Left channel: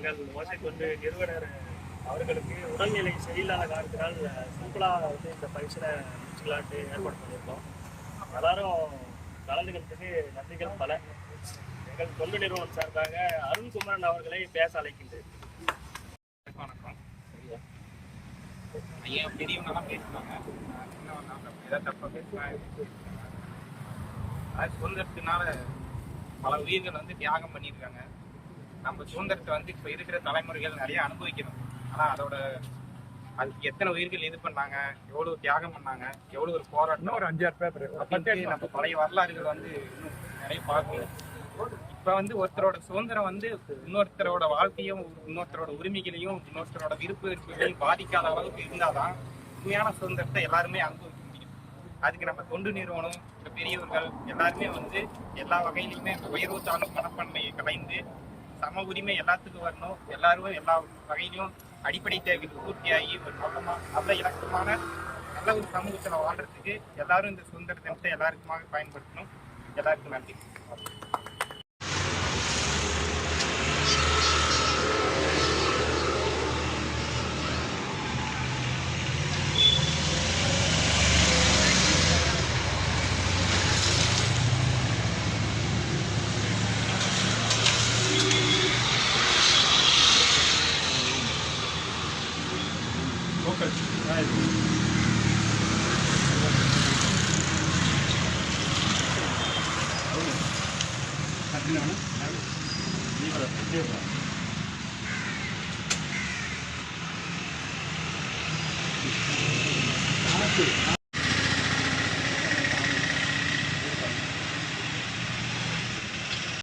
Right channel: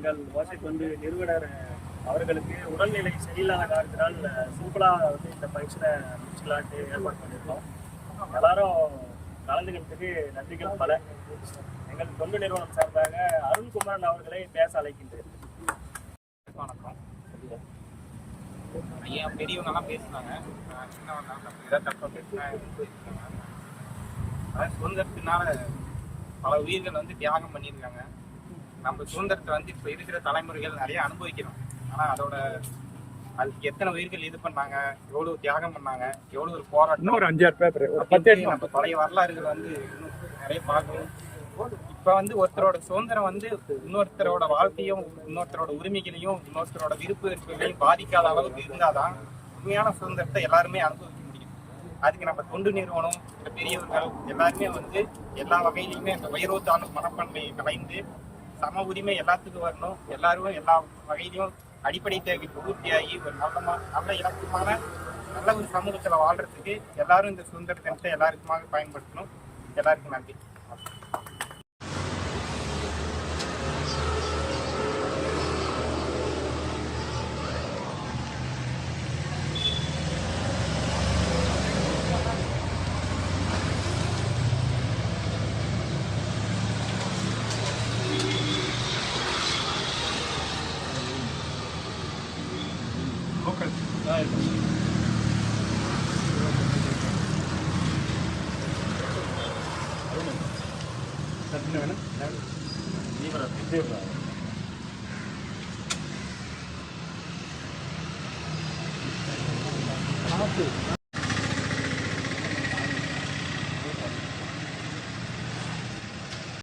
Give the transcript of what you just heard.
எங்கள் ஓசை தொண்டு நிறுவனர் அவர்களுக்கு உடல்நிலை சரியில்லாத காரணத்தினால் சிம்பிளாக வந்து இந்த ஃபங்க்ஷனை முடிச்சுக்கலான்ட்டு ஏற்பாடு பண்ணியிருக்கோம். எல்லாரும் கலந்துக்கிறதுக்கு நன்றிகள் பல. எங்கள் தொண்டு நிறுவனம் சார்பாக அருண்குமாரன் அவர்களை பேச அழைக்கின்றேன். வணக்கம். ஐயா பெரியவங்கலாம் பேசுனாங்க, சின்னவங்க ஏதாவது தப்பாக பேசினாங்க. அதாவது சுதந்திரத்தினால பல உயிர்கள் வந்து தியாகம் பண்ணியிருக்காங்க. நம்ம சுதந்திரத்தை வந்து இப்போ இருக்கிற தலைமுறைகள் நிறைய அனுபவிக்கிறோம். ஆனால் அதோட அதுக்கு எத்தனை உயிர்கள் இது பண்ணாங்க, எவ்வளோ தியாகம் பண்ணாங்க, எவ்வளோ ஒரு போராட்டம், ஒரு 5-6 பேப்பர் நம்ம பழைய வரலாறுகள் வந்து இன்னும் நிறைய பார்க்கணும். இப்போ வந்து ஒருத்தரோட சுதந்திரம் வந்து இன்னொருத்தரோட வாழ்க்கையும் இன்னொருத்தரோட உரிமைகளையும் இன்னொருத்தரோட விருப்பங்களையும் பாதிக்காத அளவுக்கு இருந்தாதான் உண்மையான சுதந்திரத்தை எல்லாருமே அனுபவிக்க முடியும். அதுக்கு நம்ம தொண்டு நிறுவனம், பெரியவர்கள் எல்லாருமே வந்து எல்லா வகையிலையுமே அந்த உயர்வு தாழ்வு மனப்பான்மையை கலைந்து சம உரிமை எல்லாத்துக்கும் வரணும். எல்லாரும் எல்லா வகையிலையும் அடிப்படை தேவைக்கு பூர்த்தியாகி ஒரு நல்ல இலக்கமான நல்ல ஒரு சமூகத்தில் வாழ்றதுக்கு எல்லாரும் இந்த சுதந்திர தினத்தை எல்லாருக்குமாக பயன்படுத்தணும். எல்லாருக்கும் நன்றி. Local.